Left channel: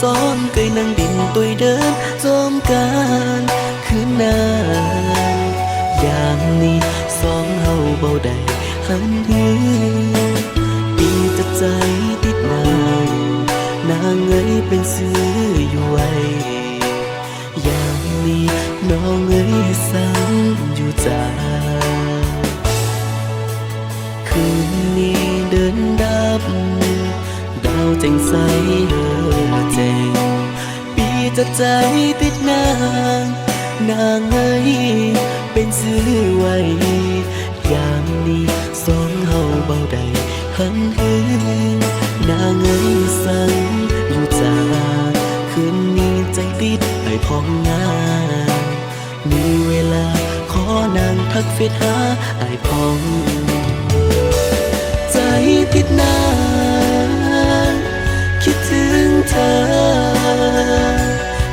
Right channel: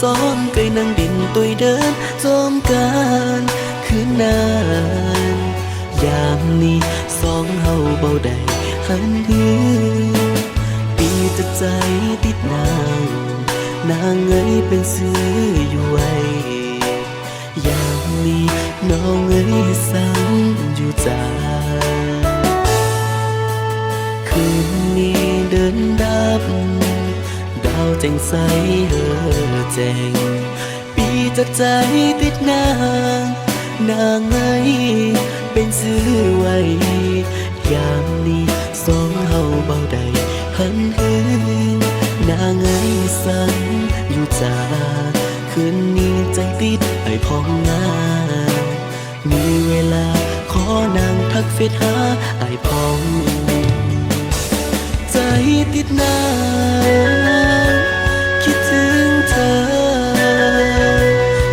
ซ้อมไก่นั่งดินตุยเดินจอมการคืนนานยามนี้สองเฮาเบาได้หันหือปีจะใจติดนางเอ้ยเป็นซื้ออยู่ไว้ยามนี้น้องเอ้ยสั่งอยู่จ้าคืนนี้เดินดับดาวแจ่งใสเฮอแจ่งปีจะใจติดนางเอ้ยเป็นซื้อไว้ยามนี้สองเฮาเบาได้หันหือนางเอ้ยสั่งอยู่จ้าคืนนี้ใจติดไอ้พองงานมีเวลาขอนางทักเฟซหาไอ้พองใจติดนางคิดถึงเธอ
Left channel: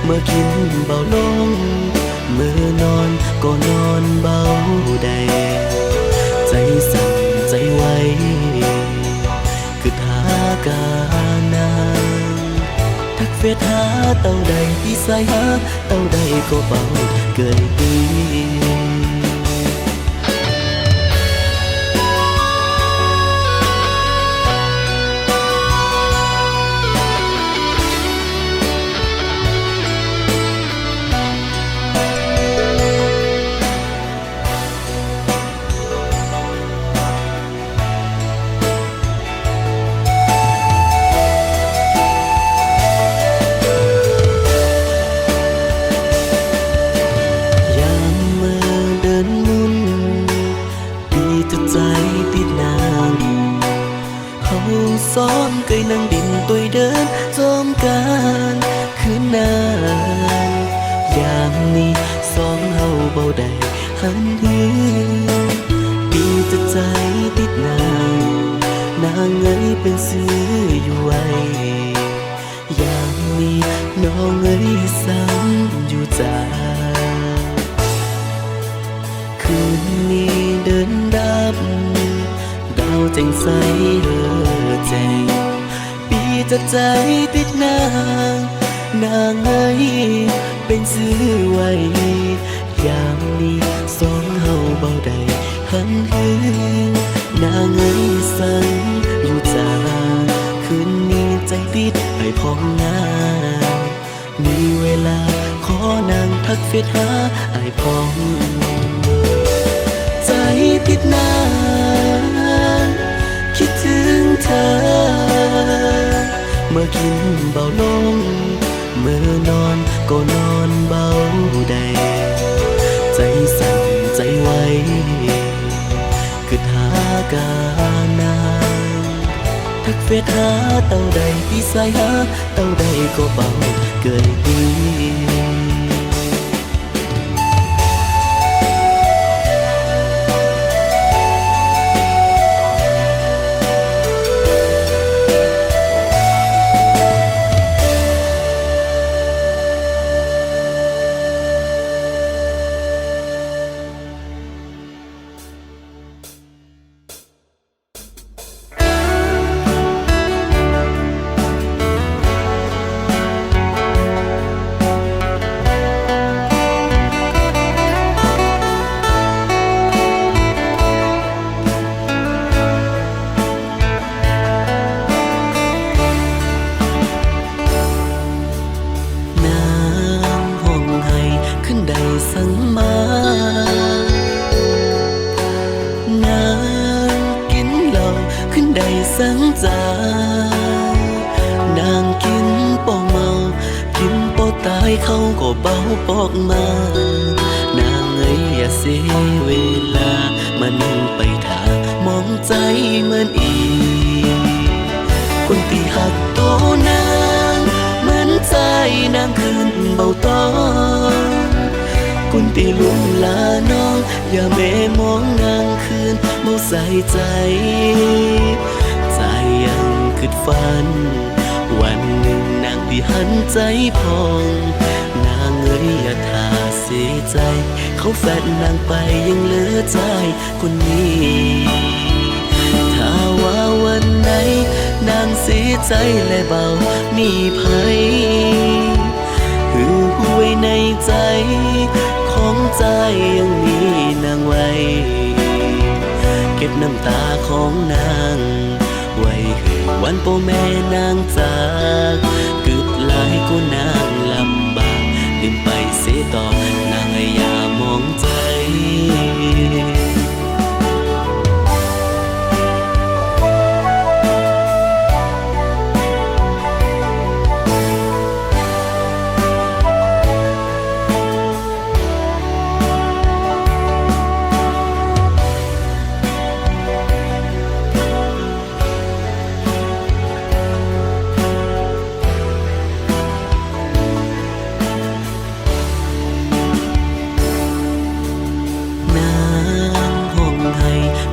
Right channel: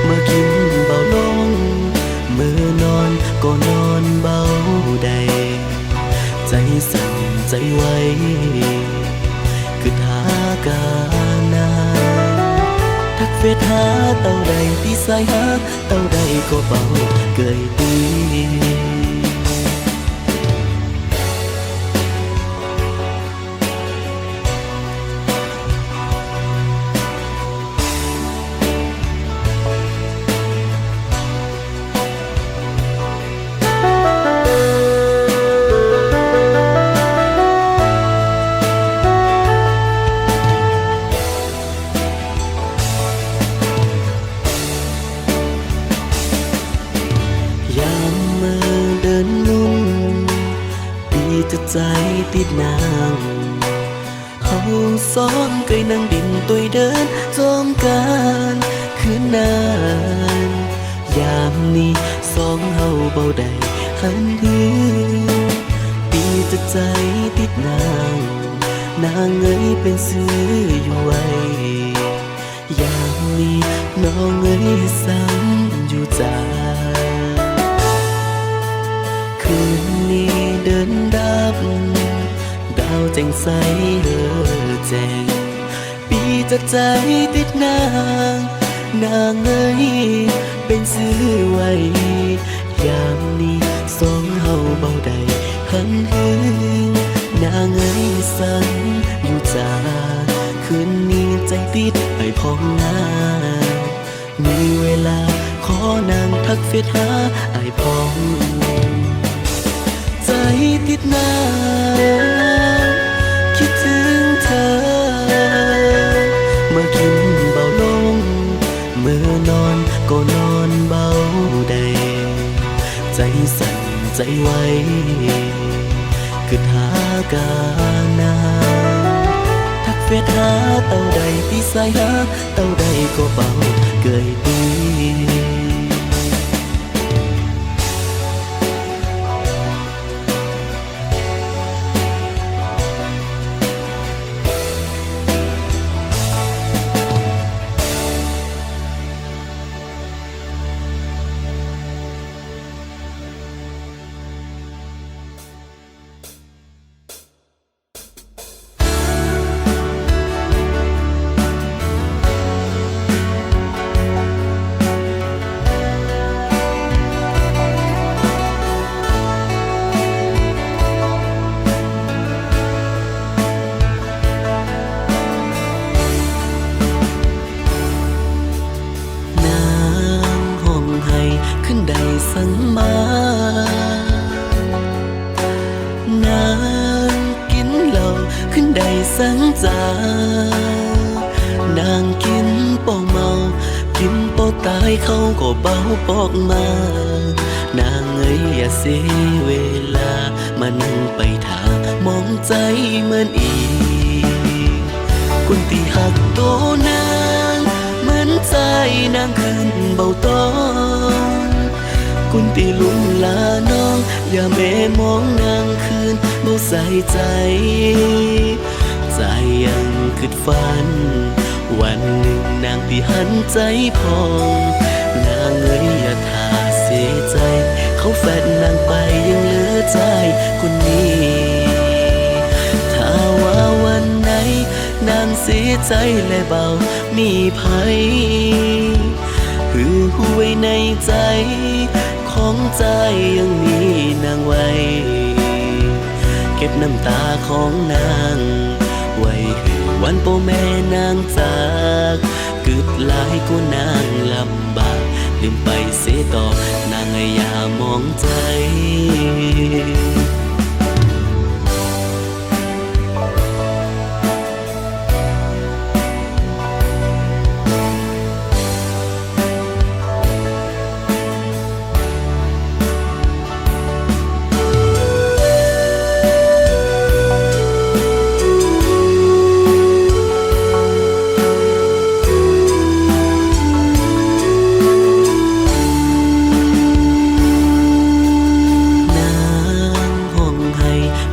เมื่อกินเบาลงเมื่อนอนก็นอนเบาได้ใจสั่นใจไวคือทากานางทักเฟซหาเต่าใดที่สายหาเต่าใดก็เบาเกยตีใจติดนางเฮาซ้อมไก่นั่งดินตุยเดินจอมการคืนนานยามนี้สองเฮาเบาได้หันหือปีจะใจติดนางเอ้ยเป็นซื้ออยู่ไว้ยามนี้น้องเอ้ยสั่งอยู่จ้าคืนนี้เดินดับดาวแจ่งใสเฮอแจ่งปีจะใจติดนางเอ้ยเป็นซื้อไว้ยามนี้สองเฮาเบาได้หันหือนางเอ้ยสั่งอยู่จ้าคืนนี้ใจติดไอ้พองงานมีเวลาขอนางทักเฟซหาไอ้พองใจติดนางคิดถึงเธอเมื่อกินเบาลงเมื่อนอนก็นอนเบาได้ใจสั่นใจไวคือทากานางทักเฟซหาเต่าใดที่สายหาเต่าใดก็เบาเกยตีสั่งมานางกินเหล้าขึ้นได้สังจานางกินเป่าเมากินเป่าตายเขาก็เบาปอกมานางเอ้ยอย่าเสียเวลามานั่งไปทามองใจเหมือนอีคนที่หักตัวนางเหมือนใจนางคืนเบาตอนคนที่ลุ่มลาน้องอย่าแม่มองนางคืนบ่ใส่ใจยังคิดฝันวันหนึ่งนางที่หันใจพองนางเอ้ยอย่าท่าเสียใจเขาแฟนนางไปยังเหลือใจคนนี้ถ้าว่าวันไหน นางเสียใจและเบามีภัยหือหวยในใจของใจยังมีนางไว้เก็บน้ำตาของนางไว้หือวันโปแม่นางจากกึดหลายกูนางลำบากลืมไปเสียต่อนางอย่ามองใจ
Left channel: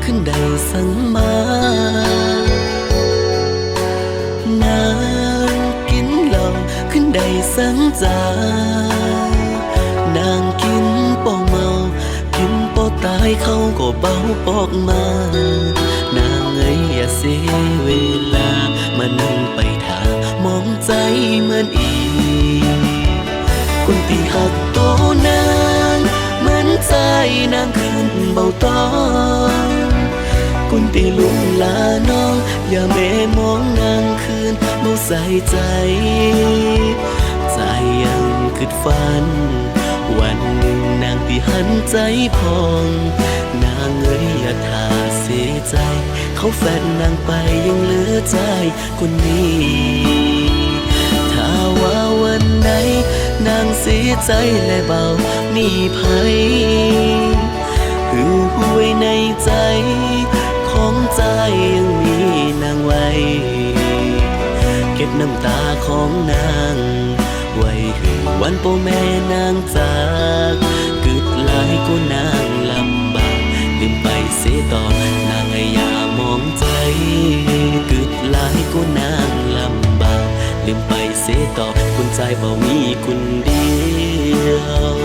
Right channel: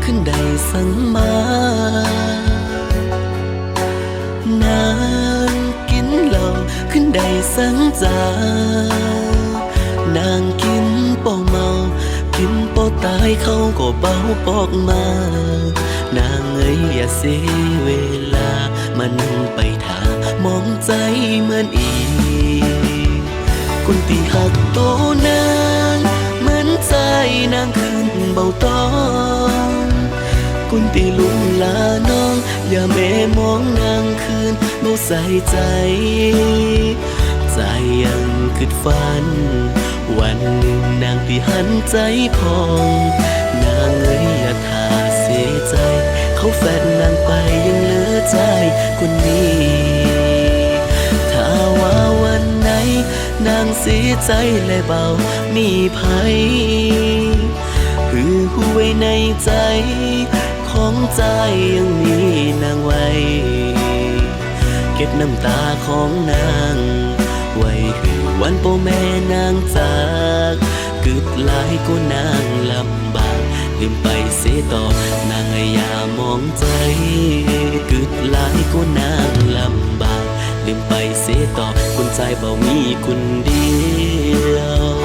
ขึ้นได้สั่งมานางกินเหล้าขึ้นได้สั่งจานางกินเป่าเมากินเป่าตายเขาก็เบาปอกมานางอย่าเสียเวลามานั่งไปถามองใจเหมือนอีกคนที่หักโตนางเหมือนใจนางขึ้นเบาตอนคนที่ลุงลาน้องอย่าแม่มองนางคืนเมาใส่ใจใจยังคิดฝันวันหนึ่งนางที่หันใจพองนางอย่าทาเสียใจเขาแฟนนางไปยังเหลือใจคนนี้ถ้าว่าวันไหนนางเสียใจและเบามีภัยหือหวยในใจของใจยังมีนางไว้เก็บน้ำตาของนางไว้หือวันโปแม่นางจากกึดหลายกูนางลำบากลืมไปเสียต่อนางอย่ามองใจกึดหลายกูนางลำบากลืมไปเสียต่อคนใจเบามีคนเดียว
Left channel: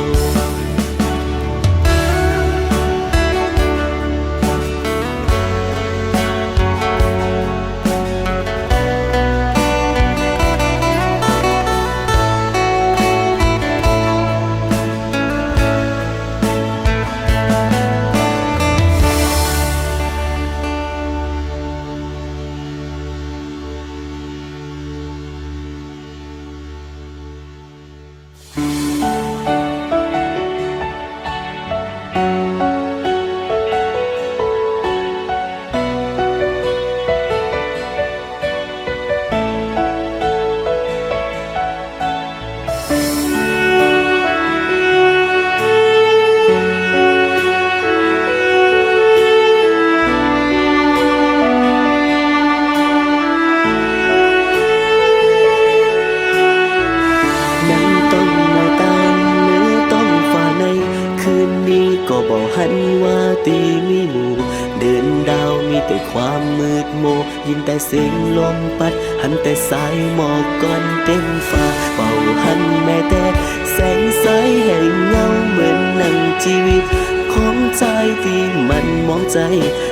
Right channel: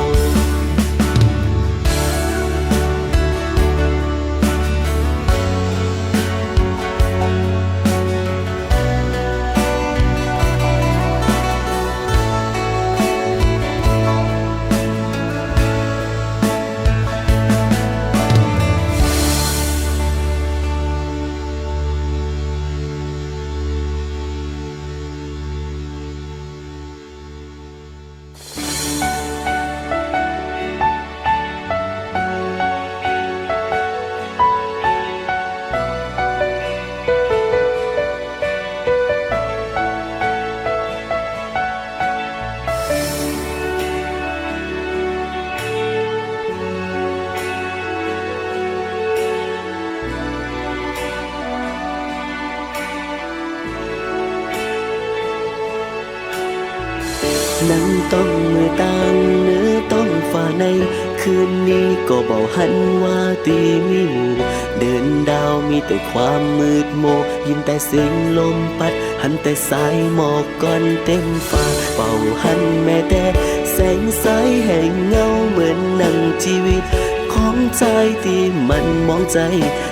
นั่งต้องมือต่างเนื้อต้องฝ่าในคืนนี้ก็บอกหันว่าตีมีหมู่เดินดาวมีแต่ความมืดโมยินแต่เสียงลมพัดหันแต่สายหมอกก้อนเต็มฟ้าเป่าหันแม้แต่แสงสายแห่งเงาเหมือนหนังชีวิตของใจที่มันมองใจ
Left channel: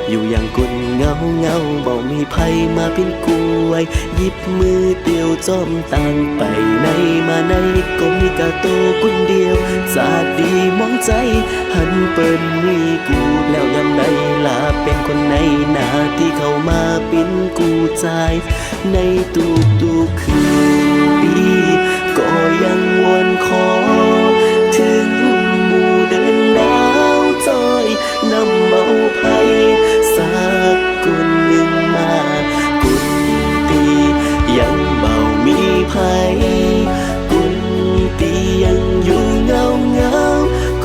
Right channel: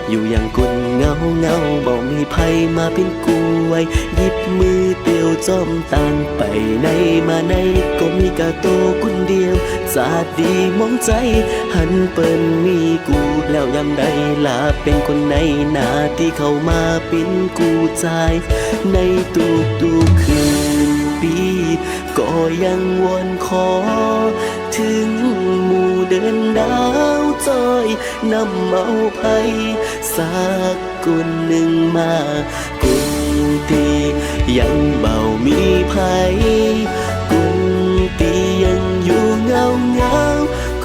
อยู่อย่างกุนเงาเบามีภัยมาเป็นกูไว้หยิบมือเตียวจอมตานไปไหนมาไหนก็มีกะโตกุนเดียวสาดดีมองใจหันเปิ้นมีกูแล้วยำใดลาเป็นคนในหน้าที่เข้ามาเป็นกูใจในทุกคืนปีก็ยังวอนขอถึงหมู่เดินดาวจอยนำเอาภัยสักคนหนึ่งมากุนตียังเบามีภัยกุนตียังอยู่เงา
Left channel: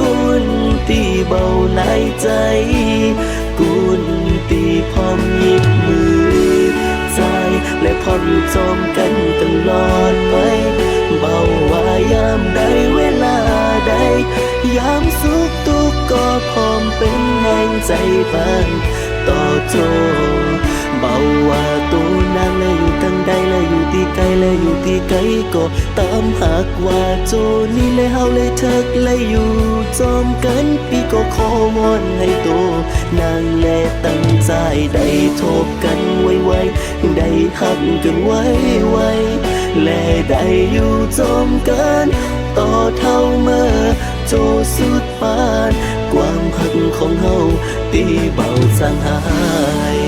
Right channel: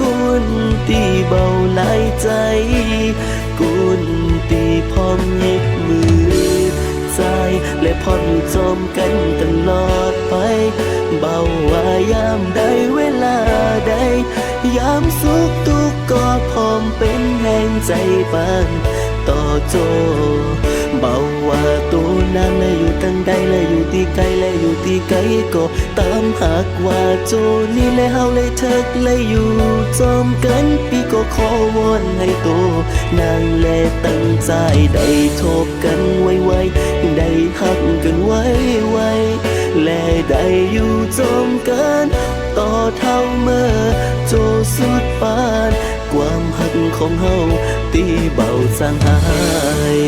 กุนตีเบาหลายใจกุนตีพร้อมหยิบมือใจและพร้อมอยู่จอมกันตลอดไปเบาว่ายามใดเวลาใดยามสุขทุกข์ก็พร้อมเป็นแห่งใจปานต่อโจ เบาว่าตัวนางและอยู่ตั้งใดและอยู่ที่ไกลและอยู่ที่ไกลก็ตามหากว่าโจนี่และเฮาและเถิกและอยู่จอมกันปีก็ขอวอนให้โตนางและตั้งใจได้ทบกันไวๆได้หักกันไวๆและได้อยู่จอมกันต่อเท่าเมื่อโจสุดปานความหักของเฮาตีเบาจางหาย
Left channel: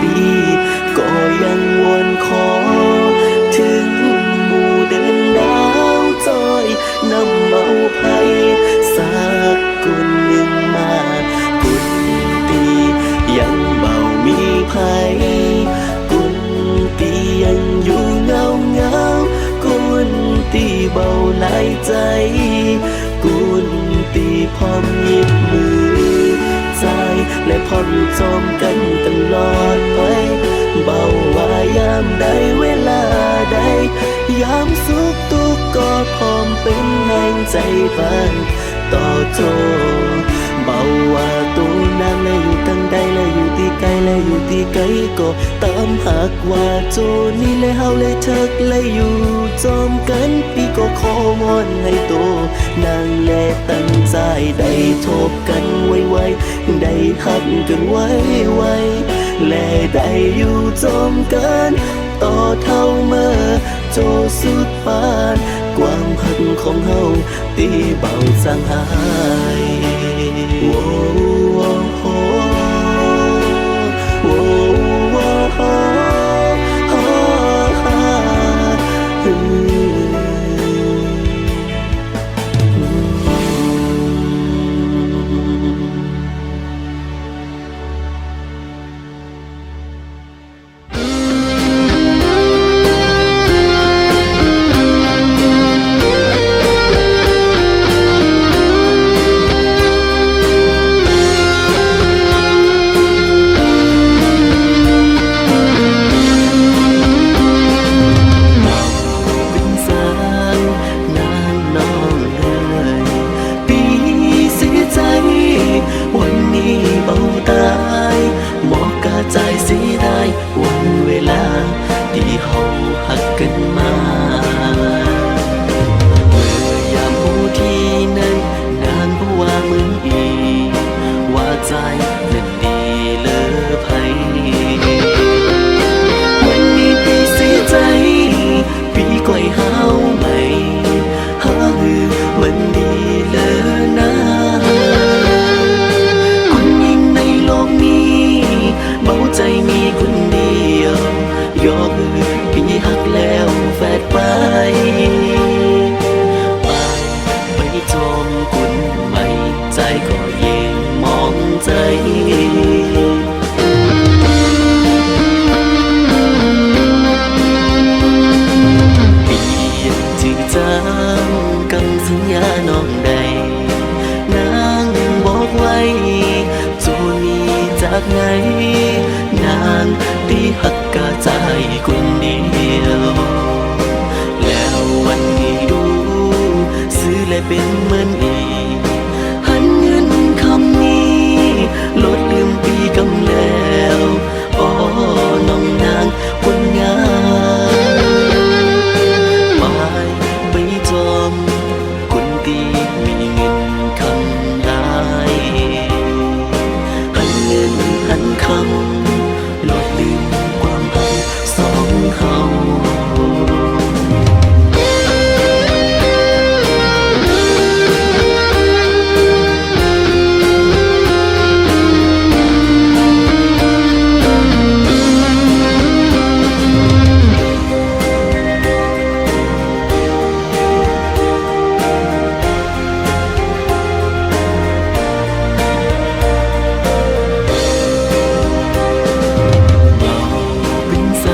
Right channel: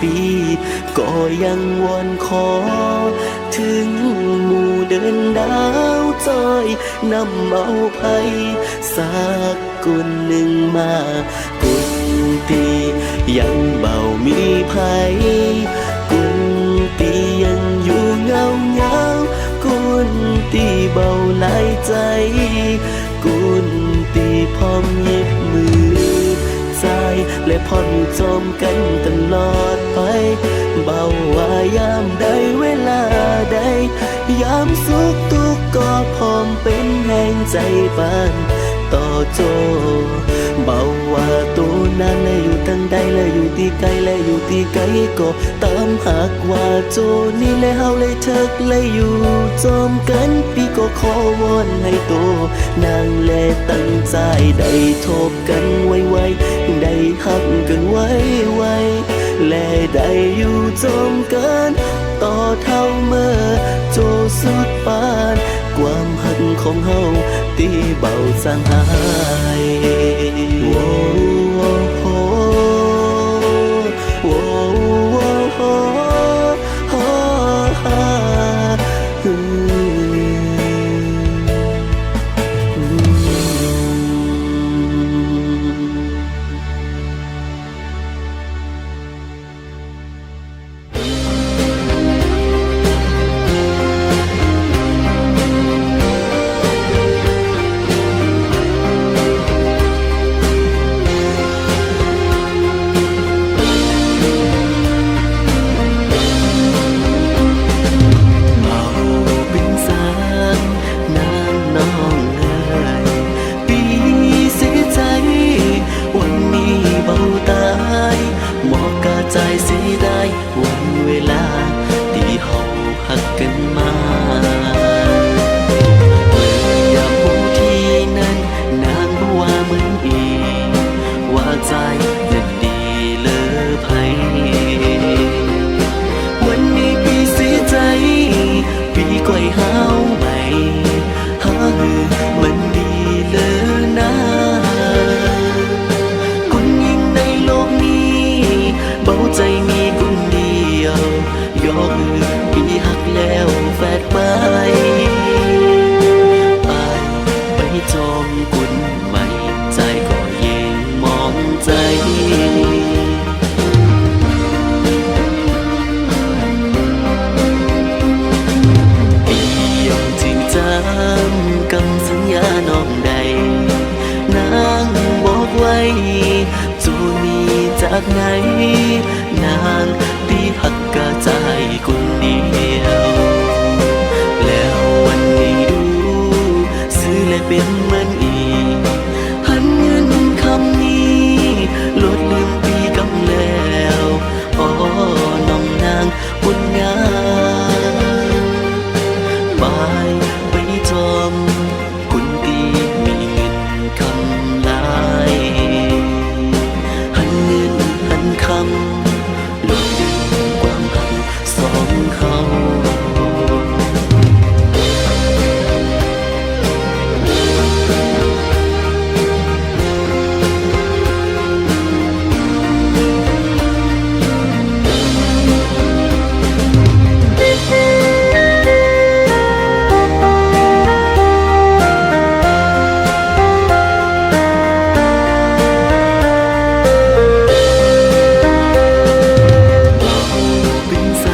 ปีก็ยังวอนขอถึงหมู่เดินดาวจอยนำเอาไผ่สักคนหนึ่งมากุนตียังเบามีไผ่กุนตียังอยู่เงากุนตีเบาหลายใจกุนตีพร้อมยิบมือใจและพร้อมอยู่จอมกันตลอดไปเบาว่ายามใดเวลาใดยามสุขทุกข์ก็พร้อมเป็นแห่งใจปานต่อโจเบาว่าตัวนางและอยู่ตั้งใดและอยู่ที่ไกลและอยู่ที่ไกลก็ตามหากว่าโจนี่และเฮาและเถิกและอยู่จอมกันปีก็ขอวอนให้โตนางและตั้งใจได้ทบกันไวๆได้หักกันไวๆและได้อยู่จอมกันต่อเท่าเมื่อโจสุดปานความหักของเฮาตีเบาจางหายโว้โว้โว้โว้โว้โว้นางน้องเอ๋ยปีเสียใจวันนี้เบาตายบอกกาใจเสียได้วันเวลาที่เฮาหักกันมาเมื่อยามหูที่นั้นนางบ่ว่าเหมือนอีว่าใจนั้นดีเลอไผวันนี้ปีเสียใจปีก้อยหาวใหม่หาหือมันดีเลอนะคนยิ่งในโลกนี้เบาใจมีคนเดียวยอหือปีหักแล้วแฟดไปไปจอมกุนใหม่ใจก็เย็งมองใจยังจือจำกำสัญญาน้องใดนางบอกไว้โจนี้จากไหนนางตีหักกะใจคนเดียวแล้ววันนี้ดูซื้อและเป็นเหมือนอีหันเงินคำนี้ลดลืมปีกำแล้วอ๋อน้องนางบนงานไปจอมคนดีมีเงินคำลายหันเงินหันคำหลดลืมความหักสองเขา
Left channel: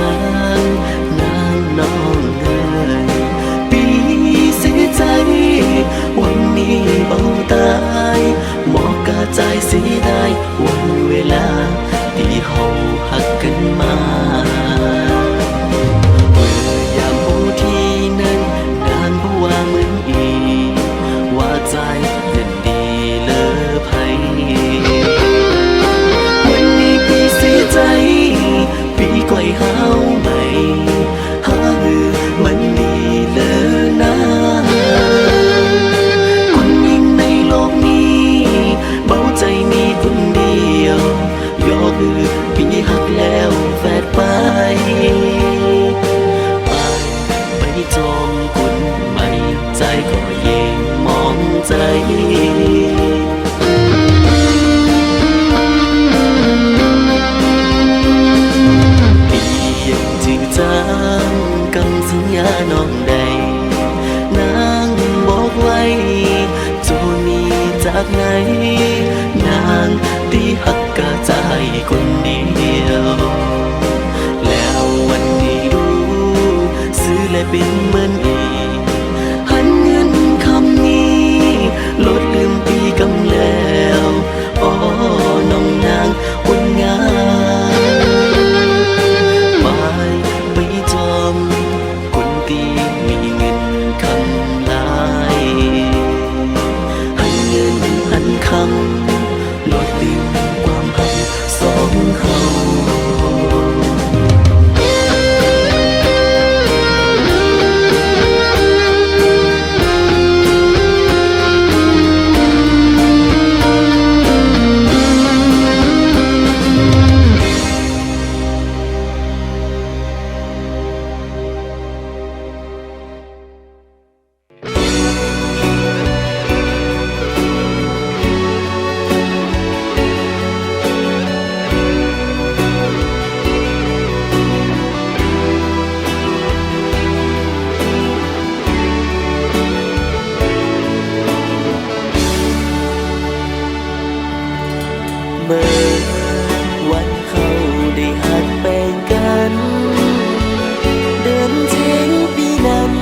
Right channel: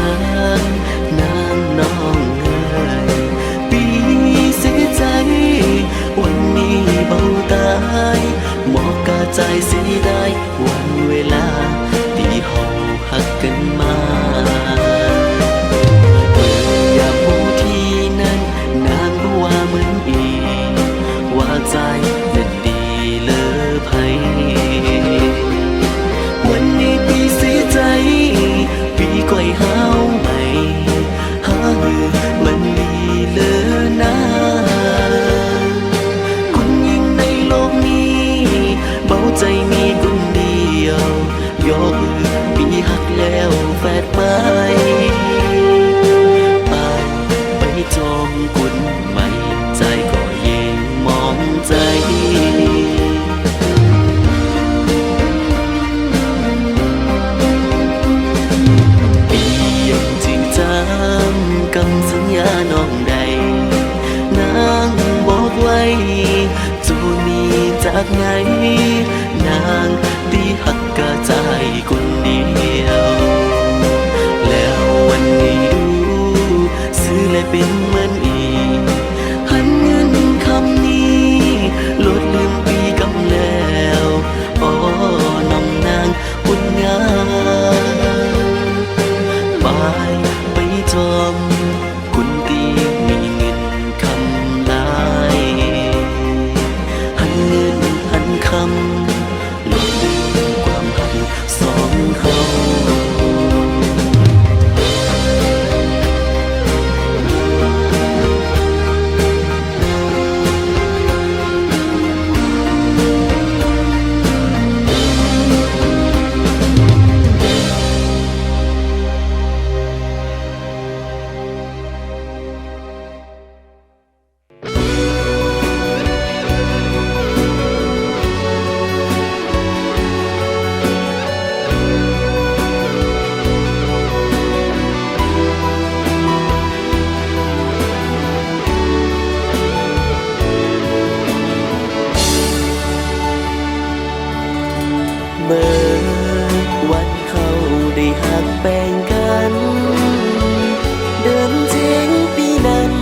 าง วันนี้เบาตายหมอกกาใจเสียได้วันเวลาที่เฮาหักกันมาเมื่อยามหูที่นั้นนางก็ว่าเหมือนอีว่าใจนั้นดีเลอไผวันนี้ปีเสียใจปีก้อยหาวใหม่หาหือมันดีเลอนะคนยิ่งในโลกนี้เบาใจมีคนเดียวยอคือปีหักแล้วแฟดไปไปจอมกุนใหม่ใจก็เย่งมองใจปียังจือจำกำสัญญาน้องใดนางบอกไว้โจมีจากไหนนางที่หักกะใจคนเดียวแล้ววันนี้ดูซื้อและเป็นเหมือนอีหันเงินคำนี้ลดลืมปีกำแล้วอ๋อน้องนางบุญงามไปจอมคุณตีมีเงินคำลายหันเงินหันคำลดลืมความหักสองเขาเมื่อวันเขาได้หักแบ่งกันเดินเจ๊งปีนั้น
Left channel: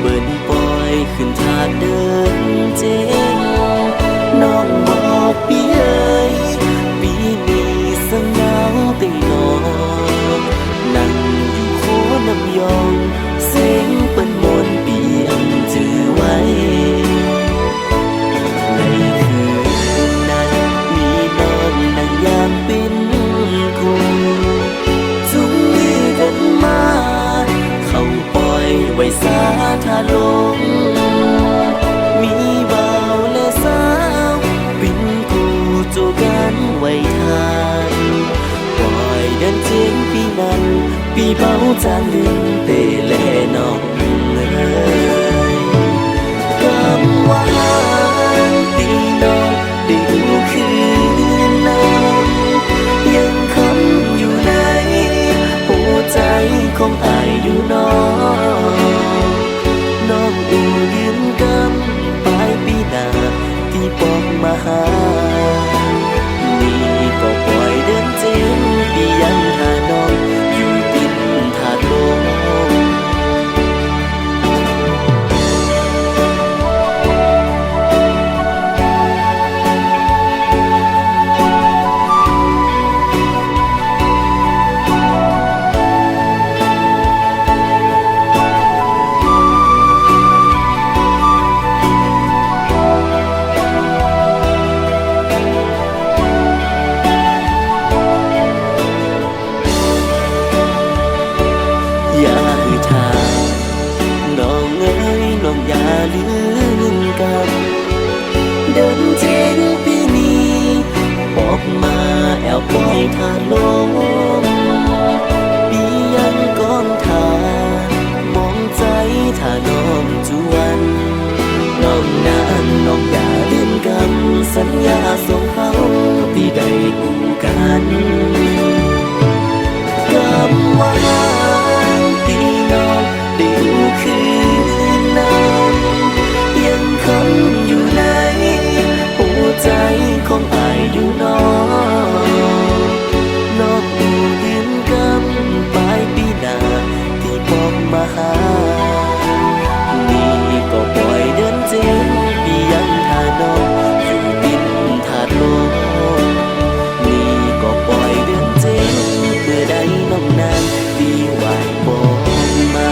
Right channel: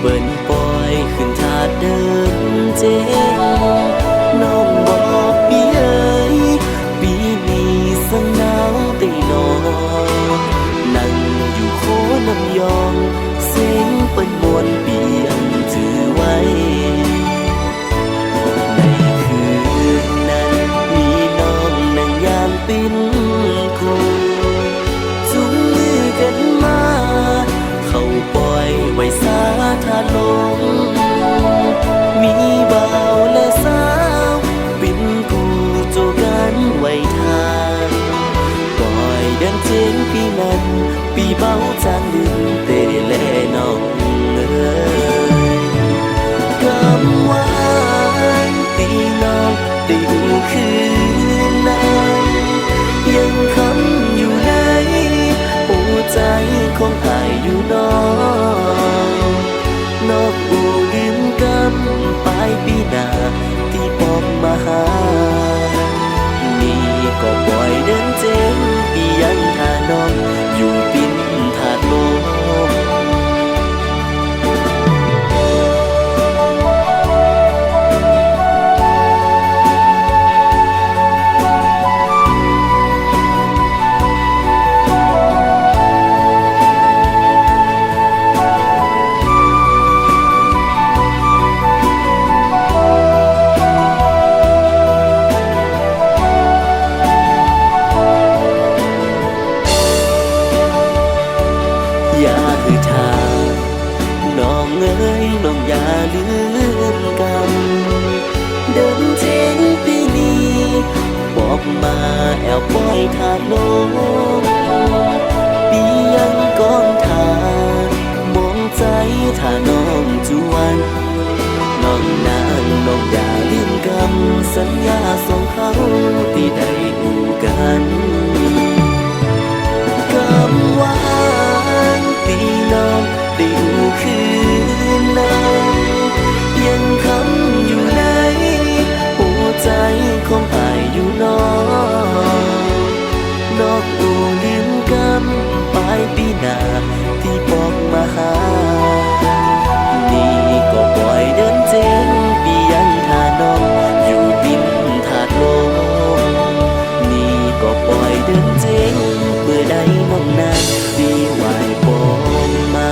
เปิ้นปล่อยขึ้นถาดเดินเจ๊งน้องบอกปีเอ๋ยปีนี้สังหนาวตีนอนั่งอยู่โคน้ำยองเสียงเปิ้นมวนปียังจือไว้ในคืนนั้นมีน้องนั่งย่างเป็นคู่จุงมือกันมาเขาปล่อยไว้สาทาลงมีบ่าวและสาวเป็นคู่โจกันไว้ทานปล่อยเดินเจงปีนั้นปีเบาจานลืมเตแลน้องเอ้ยกำว่างตีน้องได้หูคืนนั้นยังคำอยู่ในหัวใจของอายอยู่น้องอูลืมกำปลายปีหน้าที่ปอกมาหานี่ก็ปล่อยเดินเจงปียังหาน้องอยู่ตินถาดลมอย่าหือทางน้องเอ้ยน้องอย่าลืมกันเดินเจงปีนี้บอกมาแอวปล่อยทาลงปียังก้อนทามองใจถ้าน้องจวนน้องนางน้องอย่าลืมกำสัญญาส่งเขาที่ได้อู่กันกำว่างตีน้องได้อู่คืนนั้นยังคำอยู่ในหัวใจของอายอยู่น้องอู่ลืมกำปลายปีหน้าที่บอกมาหานี่ ก็ปล่อยเดินเจงปียังทาน้องอยู่ดินถาดลมนี่ก็ปล่อยเดินเจงเมื่อใดน้องนางดีไหวบอกมา